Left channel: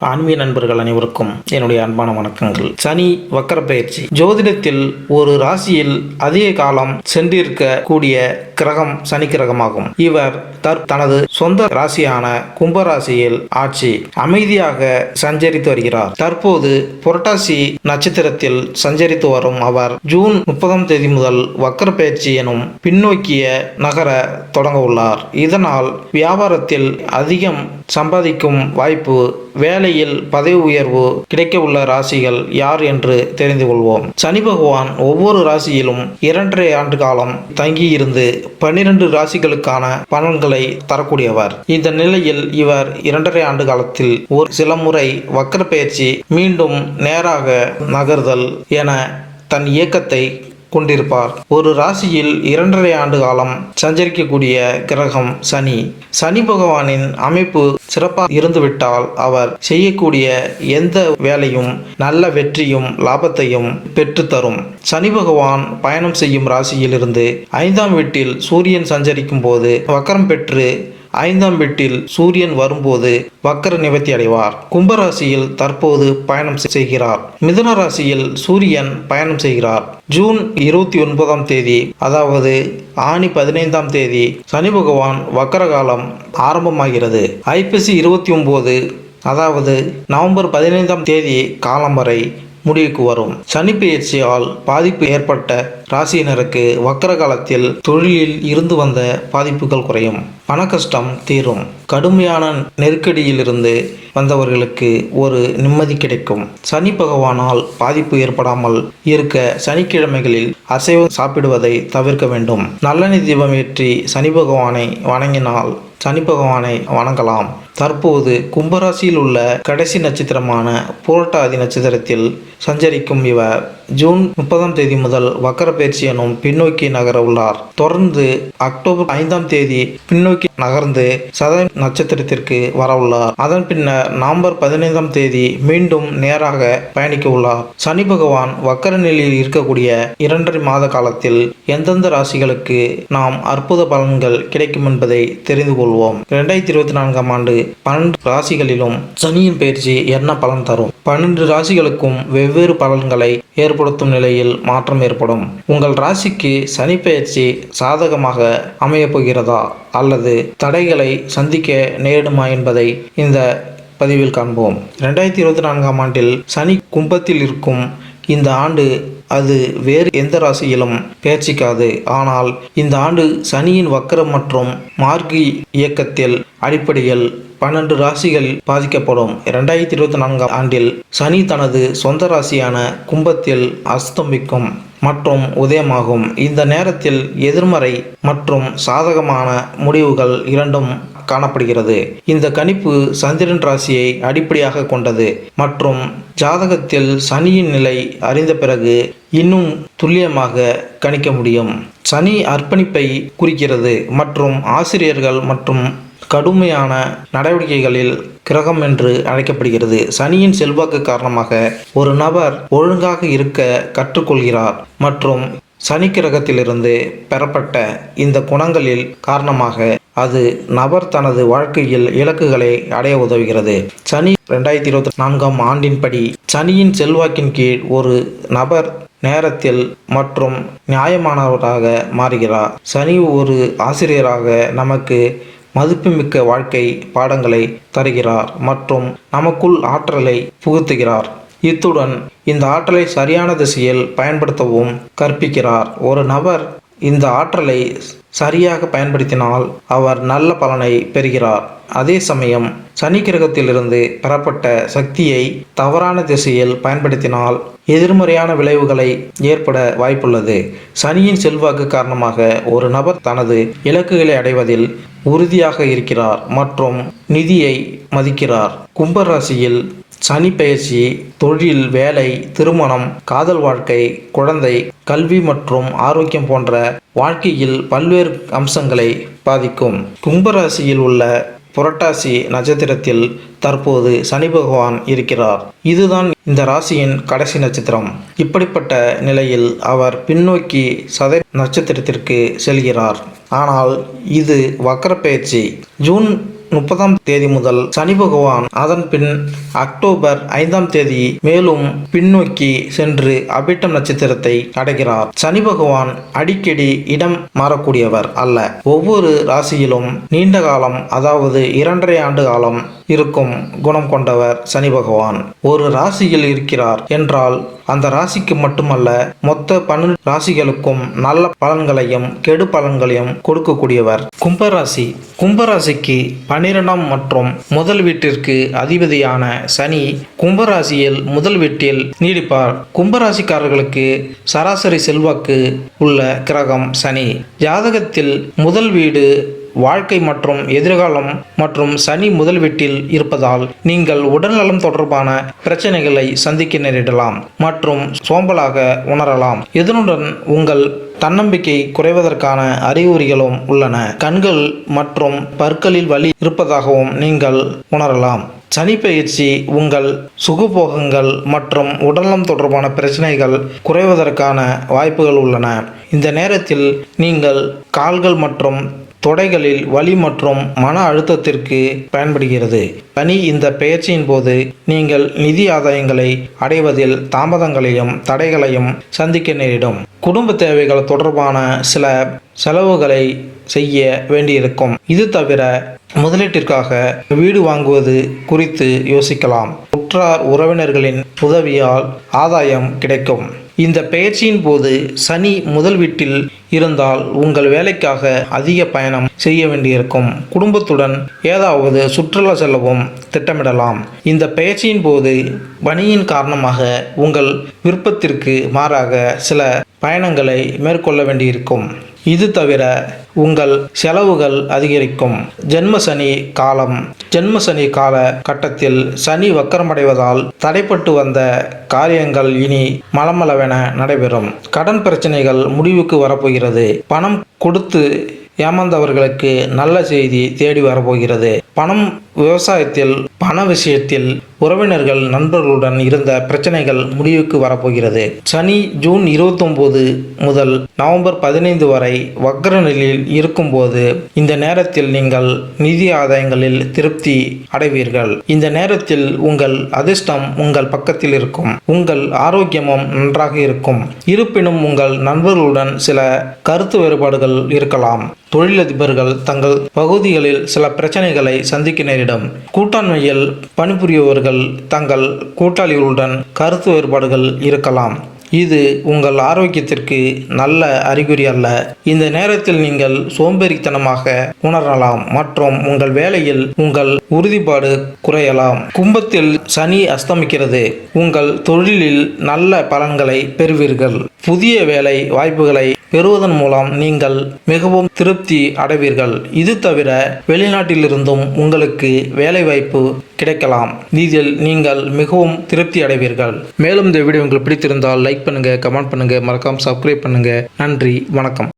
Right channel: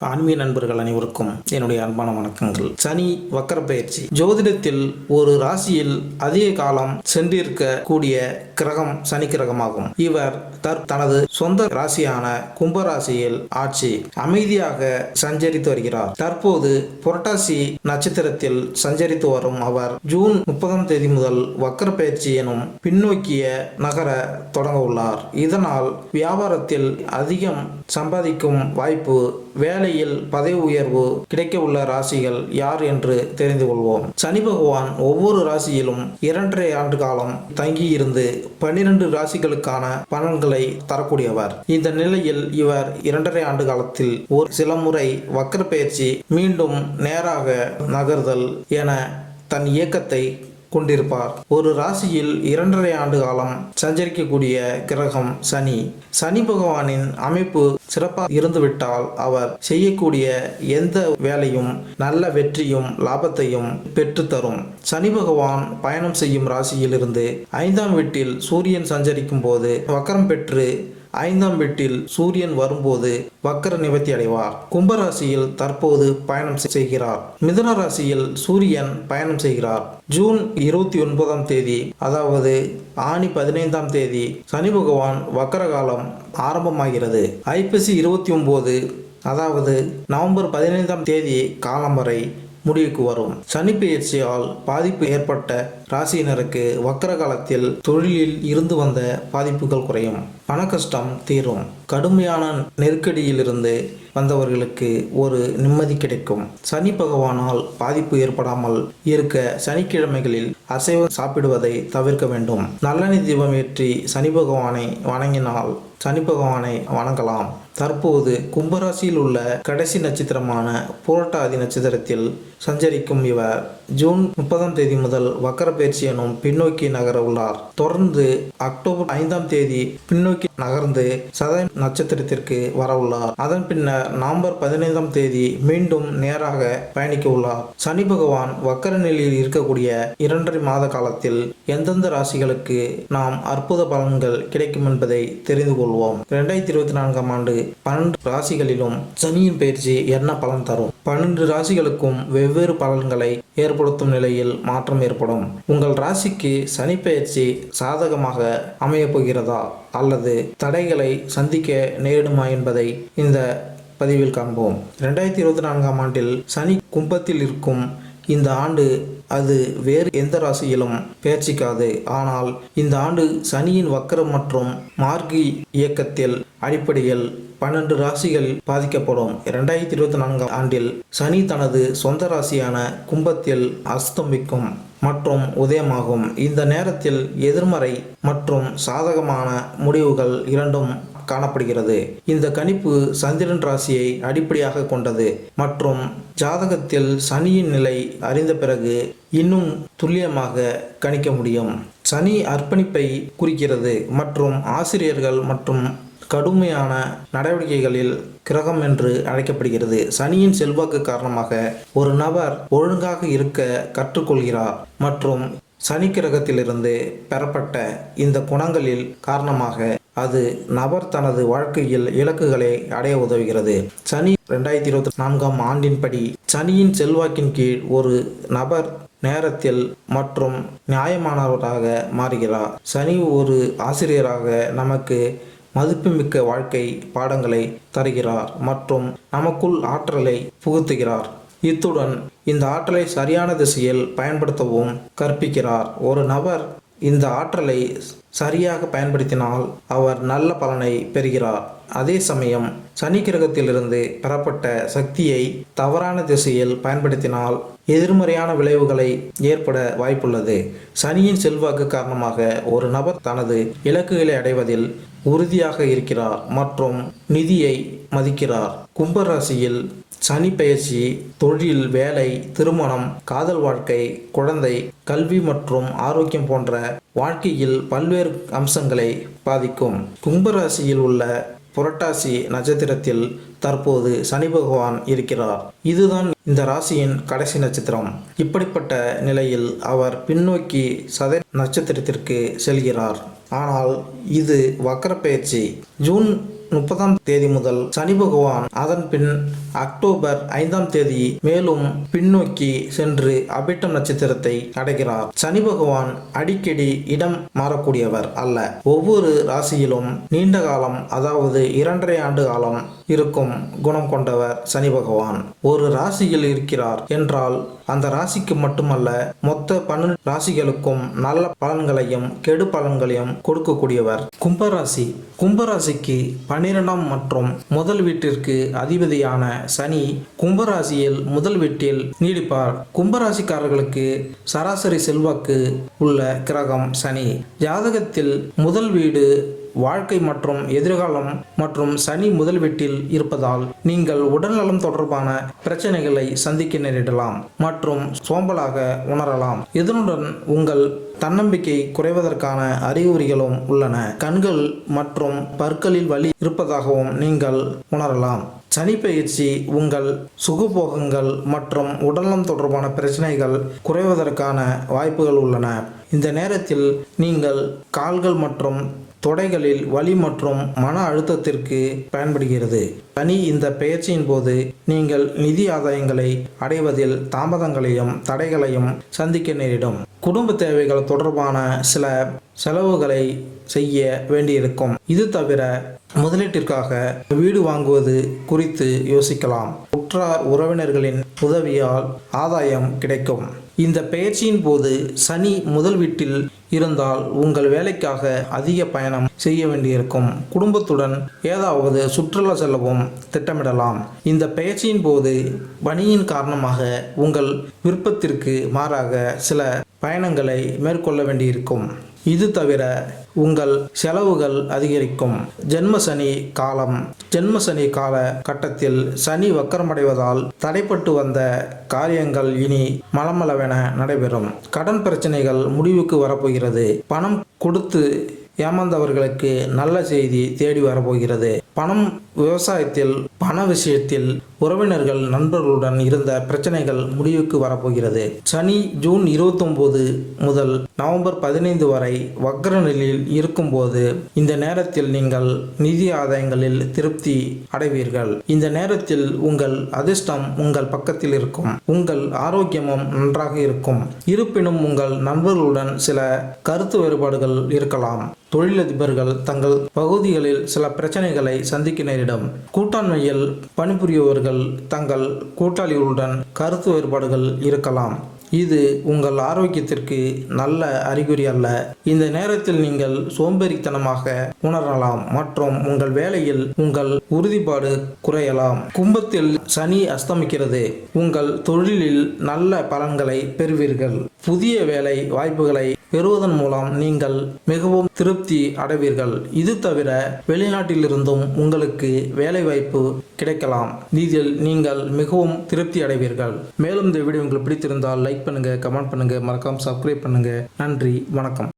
ஆன்மீக நண்பர்கள் அனைவருக்கும் என்னுடைய அன்பான வணக்கங்கள். சனி வக்கர பயிற்சி. ஜோதிடத்தில் ஒரு ராசியில் அதிக காலம் சென்றிருக்க கூடிய கிரகம் சனி கிரகமாகும். இவர் தற் தனது சொந்த ராசியான கும்பராசியில் ஆட்சி அமைதியாக சஞ்சரித்து வருகிறார். தற்போது புரட்டாசி நட்சத்திரத்தில் சஞ்சரித்து வரும் அவர் ஜூன் முப்பதாம் தேதி முதல் வக்கர பயிற்சி எனும் பின்னோக்கிய நகர தொடங்க உள்ளார். இதனால் வியாபாரத்தில் அதிகம் சம்பாதிக்கும் வாய்ப்பு வேலையில் பதவி உயர்வு கிடைக்க உள்ள ராசிகள் யார் என்று தெரிந்து கொள்வோம். சனி பகவான் ஒவ்வொரு ராசியிலும் இரண்டரை ஆண்டு காலம் தங்கியிருந்து பன்னிரண்டு ராசிகளுக்கான பலன்களை தரக்கூடியவர் இந்த நிலையில் இவர் இரண்டரை ஆண்டு காலத்தில் ஒரு சில முறை வக்கர பயிற்சி மீண்டும் நேராக நகர்தல் என தன் இயக்கத்தை கொண்டிருப்பார். ஒரு ராசியில் இரண்டரை ஆண்டு காலம் சஞ்சரிக்கக்கூடிய கிரகம் சனி. சனி பகவானின் அமைப்பு சிறப்பாக இருந்துவிட்டால் அவர் செய்யக்கூடிய எந்த வேலையும் நல்ல வெற்றியும் லாபத்தையும் பெற்றுத்தரும் சனி பகவான் பயணம் செய்யும் ராசியிலிருந்து ஐந்தாம் வீட்டில் சூரியன் சஞ்சரிக்கும் போது வக்கரம் பெற்று ஐந்தாம் வீட்டில் சூரியன் வரும்போது வக்கர நிவர்த்தி அடைவார். கும்பராசியில் தற்போது பயணம் செய்கிறார். மிதுன ராசியில் சூரியன் பயணம் செய்கிறார். ஜூன் இருபத்தி ஒன்பதாம் தேதி அதாவது ஆணி பதினைந்தாம் தேதி சனி பகவான் வக்கர காலம் ஆரம்பமாகிறது. ஐப்பசி இருபத்தி ஒன்பது அதாவது நவம்பர் பதினைந்தாம் தேதி காலம் வரை முடிவுக்கு வரும். சனி பெயர்ச்சியால் பாதிப்பு ஏற்பட்ட ராசியினருக்கு வக்கர காலத்தில் தொழிலில் இருந்து வந்த பாதிப்புகள் குறையும். பண கஷ்டம் தீரும். கடுமையான நெருக்கடியிலிருந்து வந்தவர்களுக்கு ஒரு நிம்மதி கிடைக்கும். சனி பகவானால் பாதிப்பு ஏற்படாமல் இருக்க சனிக்கிழமைகளில் அசைவம் சாப்பிடுவதை தவிர்க்க வேண்டும். நல்லெண்ணெய் தீபம் ஏற்றி சனி பகவானை வணங்கினால் சனி பகவானை வணங்கலாம். தற்போது கும்பராசியில் உள்ள கடைசி நட்சத்திரமான புரட்டாதி நட்சத்திரத்தில் சஞ்சரிக்கும் இவர். ஜூன் முப்பதாம் தேதி முதல் வக்கர பயிற்சி எனும் பின்னோக்கி நகர உள்ளார். தொடர்ந்து அக்டோபர் ஐந்தாம் தேதி பின்னோக்கி நகர்ந்து சத நட்சத்திரத்திற்கு வர உள்ளார். அதன் பின்னர் நவம்பர் பதினைந்தாம் தேதி மீண்டும் நேராக பயணிக்க உள்ளார். சனி பகவான் வக்கர நிலையில் இருக்கக்கூடிய இரண்டரை மாத காலத்தில் எந்தெந்த ராசிகளுக்கு நாம் அற்புத பலன்கள் கிடைக்கும் என்பதை தெரிந்து கொள்வோம். இரண்டாயிரத்தி இருபத்தி நான்காம் ஆண்டு பன்னெண்டு ராசிகளிலும் சனியின் பயிற்சி என்ன பலன் தரும்? பன்னெண்டு ராசிகளுக்கும் வெவ்வேறு பலன்களை ஏற்படுத்தும் நிலையில் மாற்றம் ஏற்படும். உங்கள் ராசிக்கு சனி பயிற்சி சாதகமாக அமையப் போகிறதா? அல்லது தடைகளை சந்திக்க நேரிடுமா என்பதை இந்த பதிவில் காண்போம். ரெண்டாயிரத்தி இருபத்தி நான்காம் ஆண்டில் சனி கும்பத்தில் இருக்கும் இந்த ஆண்டு அது வேறு எந்த ராசியிலும் பேச்சிக்காது. ஆனால் இந்த ஆண்டு சனியின் வக்கரம் மற்றும் மார்கி இயக்கத்தில் அடிப்படையில் பன்னெண்டு ராசிகள் பாதிக்கப்படும். இரண்டாயிரத்தி இருபத்தி நான்காம் ஆண்டில் சனி தனது சொந்த ராசியான கும்பத்தில் அஸ்தமிக்கும். மற்றும் உதயமாகும். இந்த நேரத்தில் எதிர்மறை மற்றும் சாதகமான முடிவுகள் இரண்டும் காணப்படுகிறது. இந்த கணிப்பு சந்திரன் ராசியை அடிப்படையாக கொண்டது மற்றும் ஜாதகத்தில் சனியின் நிலை அறிந்த பிறகு இன்னும் துல்லியமாக கணிக்க முடியும். சனி அர்ப்பணிப்பை குறிக்கிறது மற்றும் ஆசிரியர்கள் மற்றும் கடுமையான நடவடிக்கைகளில் கிரகம் என்று அழைக்கப்படுகிறது. சனியின் செல்வாக்கு காரணமாக ஒரு நபர் ஒழுங்காக இருக்க கற்றுக்கொள்கிறார் மற்றும் சனி கிரகத்திலிருந்து பெறப்பட்ட இந்த குணங்களில் காரணமாக அது நபர் தனது வாழ்க்கையில் இலக்குகளை அடைய உதவுகிறது. சனி ரெண்டாயிரத்தி இருபத்தி நான்காம் ஆண்டின்படி சனியின் செல்வாக்கின் கீழ் ஒரு நபர் நேரத்தில் மற்றும் நியாயமானவராக மாறுகிறார். சனி ஒரு ஆசிரியராக நமக்கு மதிப்புமிக்க வாழ்க்கை பாடங்களை தருகிறார் மற்றும் நமக்குள் ஆற்றலை புகுத்துகிறார். இத்துடன் இந்த ஆற்றலை சரியான திசையில் பயன்படுத்தவும் கற்பிக்கிறார். ஒரு நபர் இந்த ஆற்றலை சரியாக பயன்படுத்தினால் அவர் நல்ல பலனை பெறுகிறார். அதே சமயம் சனி கிரகத்திலிருந்து பெறப்பட்ட சக்தியை தவறான திசையில் பயன்படுத்தினால் எதிர்மறையான விளைவுகளை ஏற்பட வாய்ப்புள்ளது. சனியின் செல்வாக்கு காரணமாக ஒரு நபர் தனது இலக்குகளை அடைவதில் உறுதியாக இருக்கிறார் மற்றும் நிதியை மதிக்கிறார். கும்பராசியில் சனி பயிற்சி தொழில் வேலை திருமணம் காதல் வாழ்க்கை குழந்தை கல்வி மற்றும் ஆரோக்கியம் போன்ற வாழ்க்கையில் பல்வேறு அம்சங்களை பாதிக்கும். கும்பராசியில் உள்ள புரட்டாசி நட்சத்திரத்தில் தற்போது சனி பகவான் இருக்கிறார். இதுதான் இந்த ராசியின் கடைசி நட்சத்திரம். இப்படிப்பட்ட நிலையில் அவர் பின்னோக்கி சதை நட்சத்திரத்திற்கு செல்கிறார். ஆனால் இது வக்கர பயிற்சி ஜூன் முப்பதாம் தேதி முதல் சனி பகவான் அதன் பின் அக்டோபர் ஐந்தாம் தேதி மேலும் பின்னோக்கி சென்று அபிட்டம் நட்சத்திரத்தை அடைகிறார். சனி பகவான் அடிக்கடி இடம் மாறக்கூடியவர் அல்ல. ஒவ்வொரு ராசியிலும் நீண்ட காலம் அதாவது இரண்டரை ஆண்டு காலம் இருக்கும் குணம் கொண்டவர் சனி பகவான். ஒரு ராசியில் இருக்கிறார் என்றால் அந்த ராசிக்கு மட்டுமல்ல மொத்த பன்னெண்டு ராசிகளுக்கும் நல்ல பலன்களையும் கெடு பலன்களையும் கொடுக்கக்கூடியவர். கும்பராசி. கும்பராசிக்கு பன்னிரெண்டாம் மற்றும் முதல் வீட்டிற்கு அதிபதியான சனி கும்பராசியில் முதல் வீட்டில் நீடிப்பார். கும்பராசிக்காரர்களுக்கு சராசரி செல்வாக்கு உள்ள கிரகம் சனி. ஜாதகத்தில் முதல் வீடு வாழ்க்கை மற்றும் எதிர்காலம் மற்றும் சனி முதல் வீட்டில் இருப்பதால் நீங்கள் உடல்நலம் தொடர்பான பிரச்சனைகளை சந்திக்க நேரிடலாம் மற்றும் சோம்பலாக உணரலாம். இதனுடன் உங்கள் தன்னம்பிக்கை குறைவதற்கான அறிகுறிகளும் உள்ளன. கண்கள் மற்றும் பற்களில் வலி இருப்பதாகவும் நீங்கள் உணரலாம். சனி பயிற்சி உங்கள் சுகபோகங்கள் மற்றும் உடல்நலம் தொடர்பான பிரச்சனைகள் குறைவதற்கான வாய்ப்புகள் உள்ளன. இந்த நேரத்தில் நீங்கள் கால்கள் மற்றும் தொடைகளில் வலி மற்றும் மன அழுத்தத்திற்கு பயன்படுகிறது. பனி இந்த பெயர்ச்சியின் போது நீங்கள் நிதி ஆதாயங்களை அடைவதில் தாமதங்களையும் தடைகளையும் சந்திக்க நேரிடும். குடும்ப தேவைகள் தொடர்பான சில செலவுகளை செய்ய வேண்டியிருக்கும். இது தவிர முதலீட்டிற்காக வீடு வாங்குவது குறித்து யோசிக்கலாம். உற்றார் உறவினர்களின் உதவியால் ஆதாயம் கிடைக்கும். இந்த பெயர்ச்சியின் போது சனி முதல் வீட்டில் இருந்தால் உங்கள் வேலைக்காக அதிக பயணம் செய்ய வேண்டியிருக்கும். குடும்பத்துடன் ஏதாவது சுற்றுலா செல்லவும் திட்டமிடலாம். இந்த பெயர்ச்சியின் போது பணியின் காரணமாக உங்கள் விருப்பத்திற்கு மாறாக சில பயணங்களை மேற்கொள்ள வேண்டியிருக்கும். இது தவிர உங்கள் செலவுகள் அதிகரிக்கும். ஜென்ம சனி காலம். ஜென்ம சனி கால கட்டத்தில் சனி வக்கரமடைவதால் தடைப்பட்டு வந்த காரியங்கள் இனி மலமளவென நடைபெறும். கடன் பிரச்சனைகள் முடிவுக்கு வரப்போகிறது. பணம் கொடுத்து ஏமாந்தவர்களுக்கு நல்ல செய்தி தேடி வரப்போகிறது. பணம் விவசாயத்தில் பண விஷயத்தில் உறவினர்கள் நண்பர்களுடன் இருந்த பிரச்சனைகள் முடிவுக்கு வரப்போகிறது. சனி ஜூன் இருபத்தொம்போது முதல் நவம்பர் பதினைந்து வரை வக்ர நிலையில் இருக்கும்போது இந்த நேரத்தில் நீங்கள் நிதி ஆதாயங்களில் திருப்தி அடைவீர்கள். இந்த நேரத்தில் உங்கள் அதிர்ஷ்டம் உங்கள் பக்கத்தில் இருக்கும். உங்கள் ஆரோக்கியமும் நன்றாக இருக்கும். இருப்பினும் உங்கள் நண்பர்களுடன் சில கருத்து வேறுபாடுகள் இருக்கலாம். தொழிலதிபர்கள் தங்கள் பகுதிகளில் சில பிரச்சனைகளை சந்திக்க நேரிடும் கூட்டாண்மையில் பணிபுரியவர்கள் தங்கள் கூட்டாளிகளுடன் கருத்து வேறுபாடுகள் இருக்கலாம். இது உங்கள் ஆரோக்கியத்திற்கு நல்ல அறிகுறி அல்ல. இந்த நேரத்தில் நீங்கள் சோம்பேறித்தனமாக உணரலாம் மற்றும் உங்கள் வேலையில் உங்கள் உறுதிப்பாடு குறையலாம். கும்பத்தில் சனி அஸ்தமிக்கிறது. உங்கள் தொழிலில் நல்ல பலன்களை பெறுவீர்கள். புதிய வேலை வாய்ப்புகளை பெறுவதன் மூலம் நீங்கள் மிகவும் திருப்தி அடைவீர்கள். இது தவிர வெளிநாட்டிலிருந்தும் உங்களுக்கு வேலைவாய்ப்பு கிடைக்கலாம். இதில் நீங்கள் மிகவும் திருப்தி அடைவீர்கள். மேலும் இந்த வீடியோ உங்களுக்கு பிடித்திருந்தால் லைக் பண்ணுங்க கமெண்ட் பண்ணுங்க மறக்காம சப்ஸ்கிரைப் பண்ணுங்க. நன்றி வணக்கம்.